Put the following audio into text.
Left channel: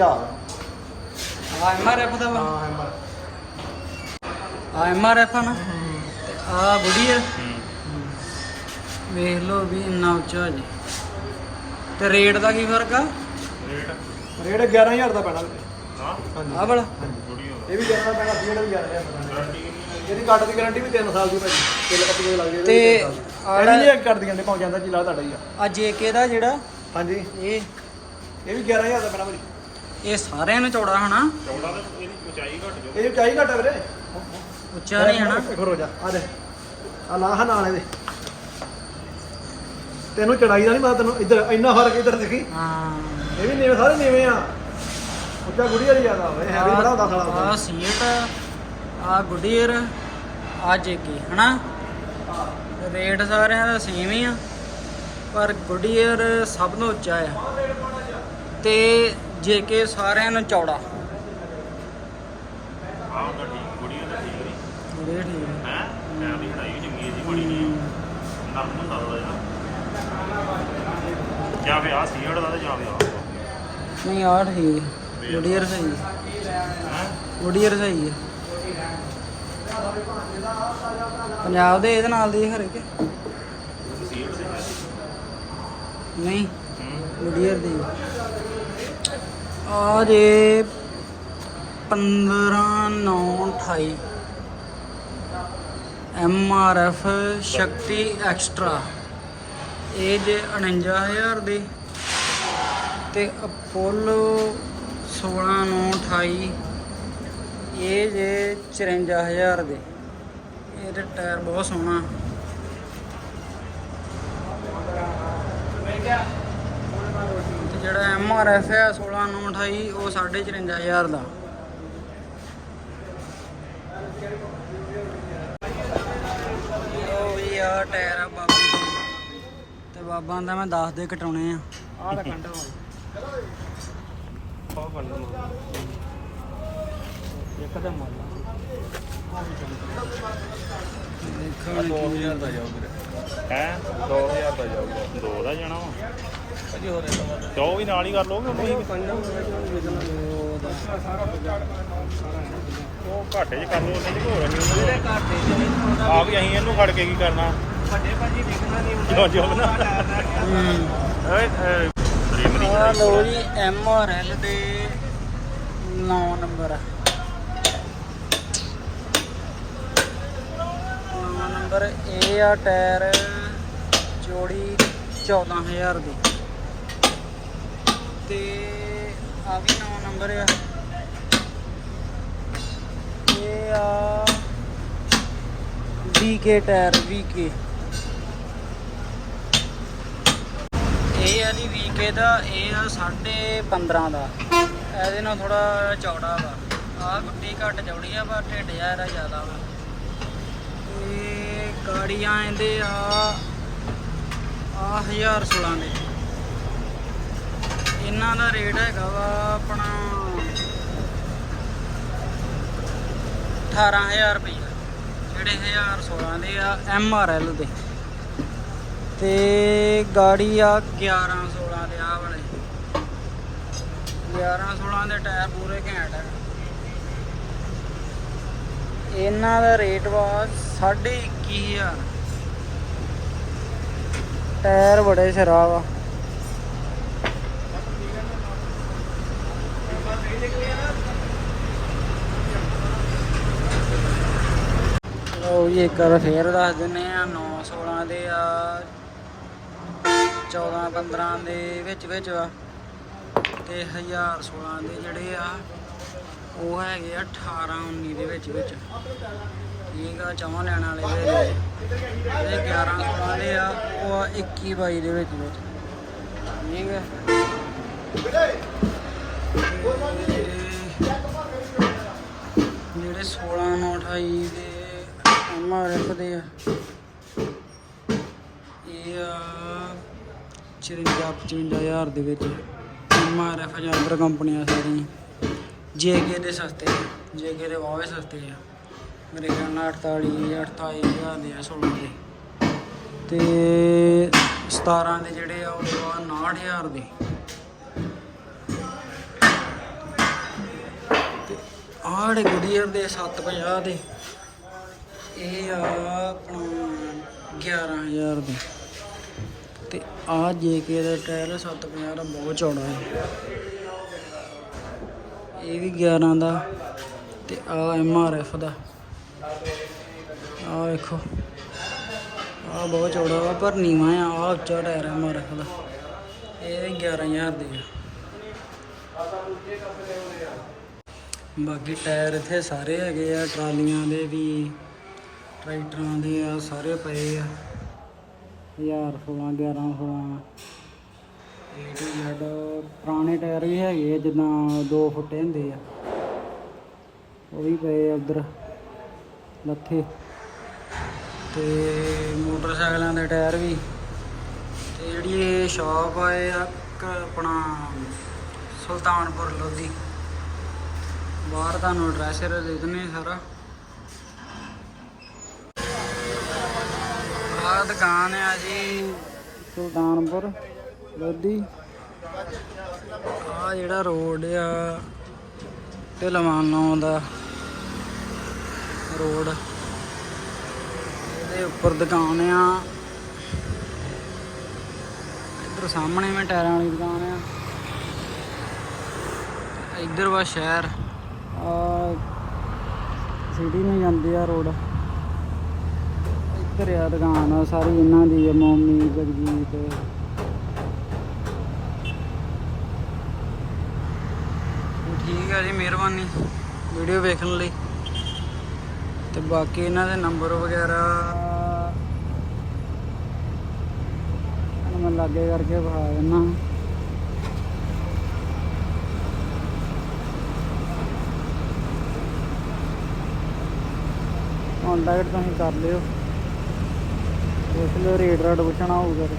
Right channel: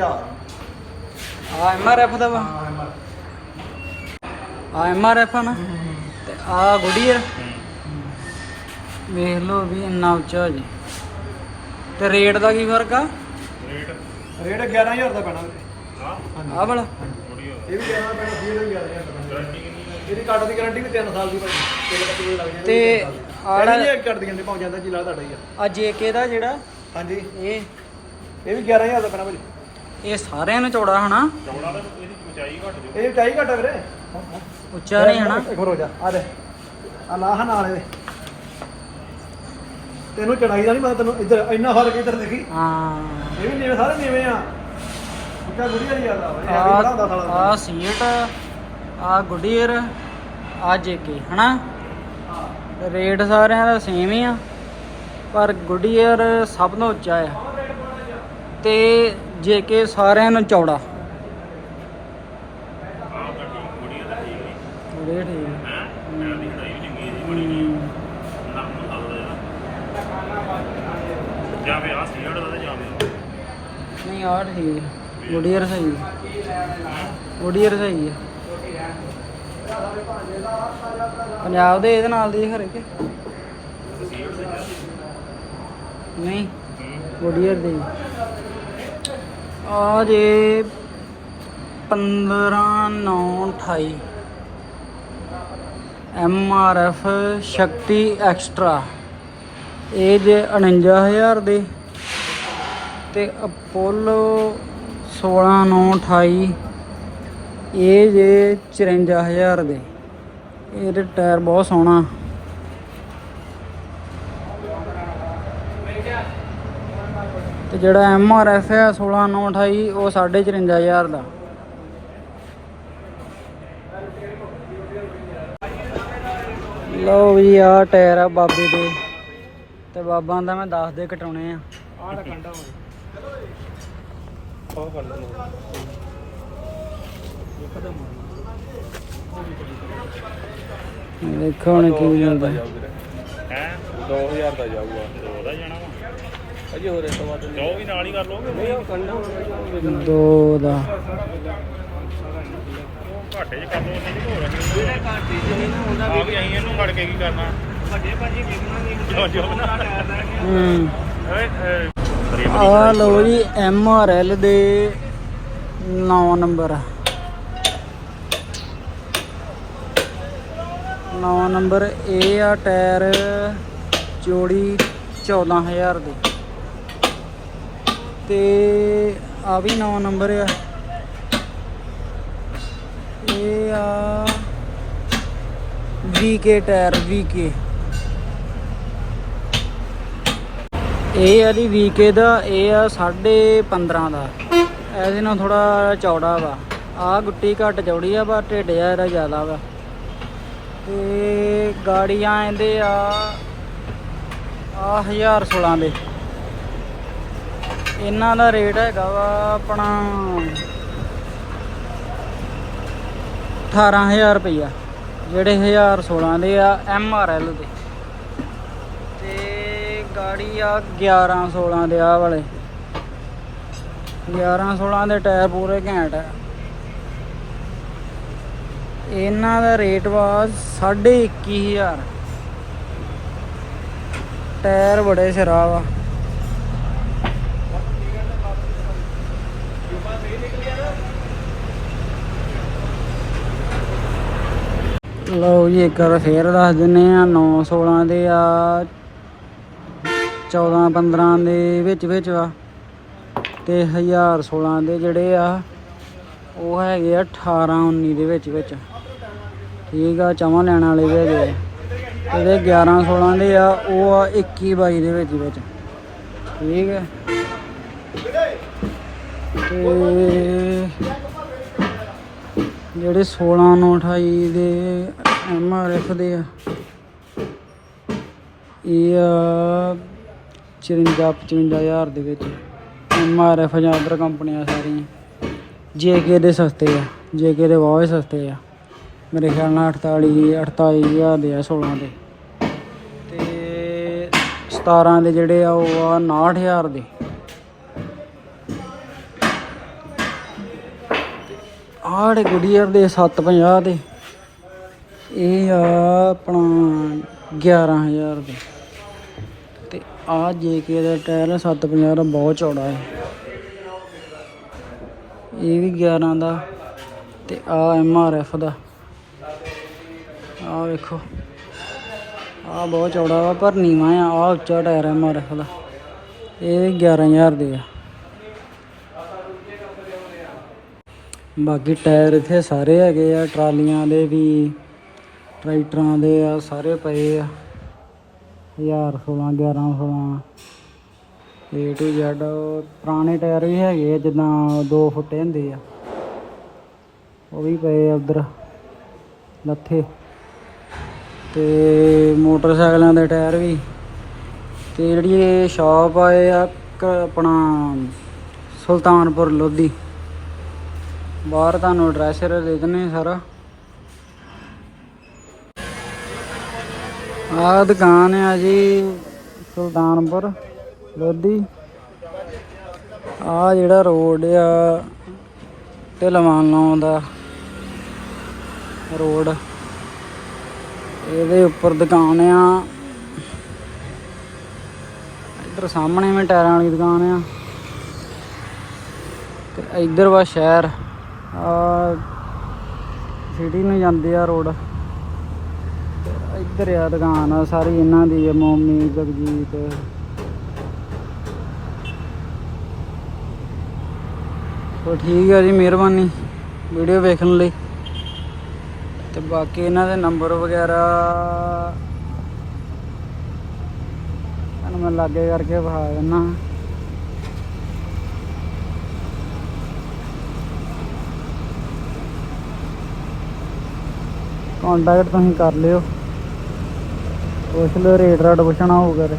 ਆ ਐਮਆਰਐਫ ਦਾ ਵਾ? ਆ ਐਮਆਰਐਫ ਆ ਨਾ? ਤੇ ਆ ਗੁਡੀਅਰ ਵੇਖ ਲਓ ਵੀ ਇੰਨਾ ਉੱਚਾ ਜੀ। ਤੇ ਰੇਟ ਦਾ ਕੀ ਫ਼ਰਕ ਆ? ਰੇਟ? 11000 ਦਾ ਪੈਣਾ ਆ ਵਾਲਾ? ਇਹ ਵੀ 11 ਪੈਣਾ ਫੀਡ ਵੀ 11000 ਦਾ ਪੈਣਾ। ਇਹਦੀ ਕੱਟ ਦੀ ਗਾਰੰਟੀ ਵੀ 3 ਸਾਲ ਦੀ ਭਾਜੀ। ਤਿੰਨ ਕੱਟ ਦੇ ਲੱਗ ਜਾਂਦੇ ਤੇ ਆੜਾ ਆੜਾ ਕੱਟ ਦੀ ਗਾਰੰਟੀ ਪਹੁੰਚ ਜਾਂਦਾ ਜੀ ਲਾ ਤੁਹਾਡਾ ਹੀ ਆ। ਆ ਜੇਕੇ ਦਾ ਜਿਹੜਾ? ਹਾਂਜੀ। ਇਹ? ਇਹ ਵੀ 11000 ਦਾ ਪੈਣਾ ਭਾਜੀ। ਇਹ ਸਾਰਿਆਂ ਨੂੰ ਚੌੜਾ ਹਨਾ? ਇਹ ਕਾਈ ਘਟ ਵੀਰੇ। ਉੱਚਾ ਨਹੀਂ ਹਨਾ? ਇੱਕ ਹੋਰ ਹੋ ਜਾ ਆ ਦੇ। ਆ ਲਾਹ ਨਾਲ ਇਹਦੇ। ਤੈਨੂੰ ਚੜਾਈ ਦਾ ਨਹੀਂ ਮੈਂ ਤੈਨੂੰ ਇੱਧਰ ਇੰਨਾ ਫ਼ਰਕ ਇੱਧਰ ਦੇਖੀ। ਹਾਂ। ਇਹ ਵੀ ਨੀਵੇਂ ਸਾਰੇ ਨੀਵੇਂ ਆ। ਉੱਚਾ ਗੁੜੀ ਵਾਲੀ ਜ਼ਿਆਦਾ ਹੋਵੇ ਇਹ ਵੀ ਬੜਾ ਹੁੰਦਾ ਸਾਲਾ ਆ ਸੀਟ ਆ ਗੁਡੀਅਰ ਆ ਜੇਕੇ ਹਨਾ? ਰੇਟ ਸਾਰਿਆਂ ਦਾ ਸੇਮ ਹੀ ਆ ਪਰ ਗੁਡੀਅਰ ਸਭ ਤੋਂ ਉੱਚਾ ਆ। ਤੇ ਜੇਕੇ ਸਾਰਿਆਂ ਨੂੰ ਚੌੜਾ। ਗੁਡੀਅਰ ਠੀਕ ਹੈ? ਹਮ, ਜਾਂ ਵੀ ਆ ਸੀੜ ਦਾ ਤੇ ਜਾਂ ਵੀ ਆ ਨਹੀਂ ਆ ਠੀਕ ਹੈ ਗੁਡੀਅਰ ਸਹੀ ਹੈ ਗੁਡੀਅਰ ਸਹੀ ਹੈ ਪੰਜਾਬ ਦੇ ਇਹਦੇ ਨਾਲ ਦੀ ਹਰੇ ਕੇ ਨਹੀਂ ਗੁਡੀਅਰ ਦੇ ਆ ਜੇ 15 9 28 M R F Shakti extra. ਇਹ ਜੇ 49000 ਦੇ। ਤੇ ਅਪੋਲੋ 16 9 28 ਇਹ ਜੇ 54000 ਦੇ। ਇਹਦੇ ਟਾਇਰ ਬਹੁਤ ਸੋਹਣਾ। ਜਿਹੜਾ ਐਮ ਆਰ ਐਫ ਹੈ 16 9 28 ਉਹ 54500 ਦਾ। ਲਓ ਵੀ ਆ ਟਾਇਰ ਆ ਬਾਬੇ ਦੇ। ਤੇ ਬਾਬਾ ਦਾ ਮੈਂ ਦੱਸ ਦੇ ਕਟਾਉਣੇ ਆ। ਆਹ ਦਾ ਕੰਡਾ ਹੋ ਇੱਕਦਮ ਦੇਖੋ ਹੁਣ ਕੀ ਮਿਲਦਾ। ਹੈ 2000 ਦਾ ਜਾਊਗਾ ਦੋ ਦਾ ਜਾਣਾ ਦੋ ਵੀ ਨਾਲ ਹੀ ਕਰ ਲੋਗੇ ਨਹੀਂ ਉਹ ਕੰਡਾ ਦੋ ਦਾ। ਉਹ ਘਾਟੇ ਚ ਕਰ ਲਓ ਨਹੀਂ ਹੋਰ ਨਹੀਂ ਜਿਹੜੇ ਘਾਟੇ ਚ ਨਹੀਂ ਨਾ ਹੁੰਦਾ ਆ ਕੇ ਅਸੀਂ ਇਹਨੂੰ ਫੜ ਕੇ ਕੀ ਕਰਨਾ? ਵੱਡੇ ਭਾਜੀ ਵਿਕਣਾ ਨਹੀਂ ਜੋ ਜੋ ਨਾ। ਹੂੰ। ਓਏ ਆ ਲੋ ਜੀ ਐਮ ਆਰ ਐਲ ਦੇ 9 ਨੰਬਰ। 9 ਨੰਬਰ ਇਹ ਆ ਟਾਇਰ ਚੋੜੀ 14000 ਦੀ। ਤੇ ਆ ਵੀ 9 ਨੰਬਰ ਆ। ਇਹ ਆ ਵੀਕੇ ਟਾਇਰ ਵੀਕੇ ਇਹ ਆ ਜੀ ਵੀਕੇ ਦਾ, ਇਹ ਆ 15.5 ਦਾ। ਇਹਦੇ ਨਾਲ ਥੋੜਾ ਚੌੜਾ ਵਾ। ਆ ਗੁੱਟੀ ਘੱਟ ਚੌੜੀ ਆ, ਪਰ ਢਿੱਡ ਜਿਹਾ ਜ਼ਿਆਦਾ ਵਾ। ਤੇ ਗਾੜੀਆਂ ਇਹਦੇ ਆ ਆ 1016 ਦੇ। ਇਹਨਾਂ ਦਾ ਰੇਟ ਹੈਗਾ ਵਾ ਆਪਣਾ 18000 ਰੁਪਈਆ, ਜਿਹੜੇ 1016 ਦੇ ਆ ਐਮ ਆਰ ਐਲ ਦੇ। ਤੇ ਗਾੜੀ ਆ 11 16 ਦੇ ਆ ਵਾਲੇ। 11 16 ਦੇ ਟਾਇਰ ਪੂਰੇ ਘੈਂਟ ਆ। ਇਹਨਾਂ ਦਾ ਰੇਟ ਵਾ 21500 ਟਾਇਰ ਬੜੇ ਸ਼ਰਾਬ ਆ। ਲਓ ਜੀ, ਇੱਕ ਵਾਰ ਫੇਰ ਦੱਸ ਦਿੰਨੇ ਆ 9 16 ਦੇ ਆ 14 15 ਦੇ ਵਿੱਚ ਵਿੱਚ ਆ ਤੇ 1016 ਦੇ ਜਿਹੜੇ ਆ, ਉਹ ਹੈਗੇ ਆ 18 19 ਦੇ ਵਿੱਚ ਵਿੱਚ। ਠੀਕ ਆ, ਚਵਾਂ ਲੈਣ ਵਾਲੇ ਵੀ ਹੈਗੇ ਆ। ਜਿਹੜੇ 11 16 ਦੇ ਆ, ਉਹ ਆ 21 22 ਦੇ ਵਿੱਚ ਵਿੱਚ। ਠੀਕ ਹੈ ਤੇ ਜਿਹੜੇ 16 ਨੂੰ 28 ਦੇ ਐਮਆਰਐਫ ਦੇ ਆ, ਇਹ ਆ 54 55000 ਦੇ ਵਿੱਚ ਐਮਆਰਐਫ ਜਾਂ ਅਦਰ ਕੰਪਨੀਆਂ ਸਾਰੀਆਂ। ਜੇਕੇ ਦੇ ਸਸਤੇ ਆ ਜੇਕੇ ਦੇ ਬਹੁਤ ਸਸਤੇ ਆ। ਮੇਰੇ ਖਿਆਲ ਨਾਲ 48 48000 ਦੇ ਆ 16 ਦੇ। ਤੇ 17 ਦੇ ਜਿਹੜੇ ਆ, ਉਹ ਆ 69000 ਦੇ। ਆੜੇ ਗੁਡੀਅਰ ਦੇ 750 ਦੇ, ਇਹ ਆ ਆਪਣਾ 11000 ਦੇ। ਤੇ ਆ ਜੇਕੇ ਦਾ ਟਾਇਰ 750 ਦਾ ਬਹੁਤ ਚੌੜਾ ਹੈ। ਇਹ ਵੀ 11 ਦਾ ਤੇ ਆ ਐਮ ਆਰ ਐਫ ਦਾ। ਆ ਵੇਖੋ ਆ ਬਹੁਤ ਚੌੜਾ ਵਾ, ਪਰ ਨੀਵਾਂ ਆ ਆ ਉੱਚਾ ਟਾਇਰ ਐਮ ਆਰ ਐਫ ਦਾ। ਇਹ ਵੀ 11000 ਦੇ ਆ। ਬਾਕੀ ਟਾਇਰ ਇੱਥੇ ਸਾਰੇ ਹੈਗੇ ਆ, ਟਰਾਲੀਆਂ ਦੇ ਵੀ, ਟਰੈਕਟਰਾਂ ਦੇ ਆ, ਸਾਰੇ ਪਏ ਆ। 1016 1116 A to Z, ਪੁਰਾਣੇ ਟਾਇਰ ਵੀ ਹੈਗੇ ਆ, ਜਿੱਦਾਂ 2 ਫੁੱਟੇ ਹੁੰਦੇ ਆ। ਉਹ ਵੀ ਪਏ ਆ ਉਧਰ, ਲੱਥੇ। ਤੇ ਮੋਟਰਸਾਈਕਲਾਂ ਦੇ ਟਾਇਰ ਵੀ। ਤੇ ਜਿਹੜੀ ਇਹ ਸ਼ਾਪ ਆ, ਇਹ ਆ ਕ- ਆਪਣਾ ਸੁਲਤਾਨਪੁਰ ਲੋਧੀ। ਬਾਹਰ ਤੁਹਾਨੂੰ ਐਡਰੈਸ ਦੇ ਦਿੰਨੇ ਸਾਰਾ। ਆਹ ਦੁਕਾਨ ਆ ਜੀ ਸੁਲਤਾਨਪੁਰ, ਲੋਧੀ। ਆ ਜਿਹੜਾ ਰੋਡ ਆ ਢਲਵਾਨ ਦਾ ਰੋਡ। ਇਹਦੇ ਉੱਪਰ ਦੁਕਾਨ ਆ। ਇੱਧਰ ਸਾਹਮਣੇ ਮੈਂ ਟਾਇਰਾਂ ਵਾਲੀ ਦੁਕਾਨ ਆ। ਤੇ ਇੱਧਰ ਵਾ ਸ਼ਹਿਰ। ਆ ਸਿਟੀ ਨੂੰ ਜਾਂਦੇ ਆ ਰੋਡ। ਇੱਧਰ ਆ ਦੁਕਾਨ ਆ, ਸਾਰੀ ਇਹਨਾਂ ਦੀ ਆ, ਮੋਮੀ, ਜਗਜੀਤ। ਸੋ ਠੀਕ ਹੈ ਜੀ, ਮਿਹਰਬਾਨੀ ਵੀਡੀਓ ਵੇਖਣ ਲਈ। ਤੇ ਬਾਕੀ ਇਹਨਾਂ ਦੇ ਨੰਬਰ ਵਗੈਰਾ ਮੈਂ ਲਾਗੇ ਕਰਕੇ ਵਿਖਾ ਦਿੰਦਾ। ਕੰਟੈਕਟ ਤੁਸੀਂ ਕਰ ਲਿਓ। ਇਸ ਲਈ ਰੇਟ ਰਾਟ ਪੁੱਛਣਾ ਹੋਊਗਾ ਤੇ।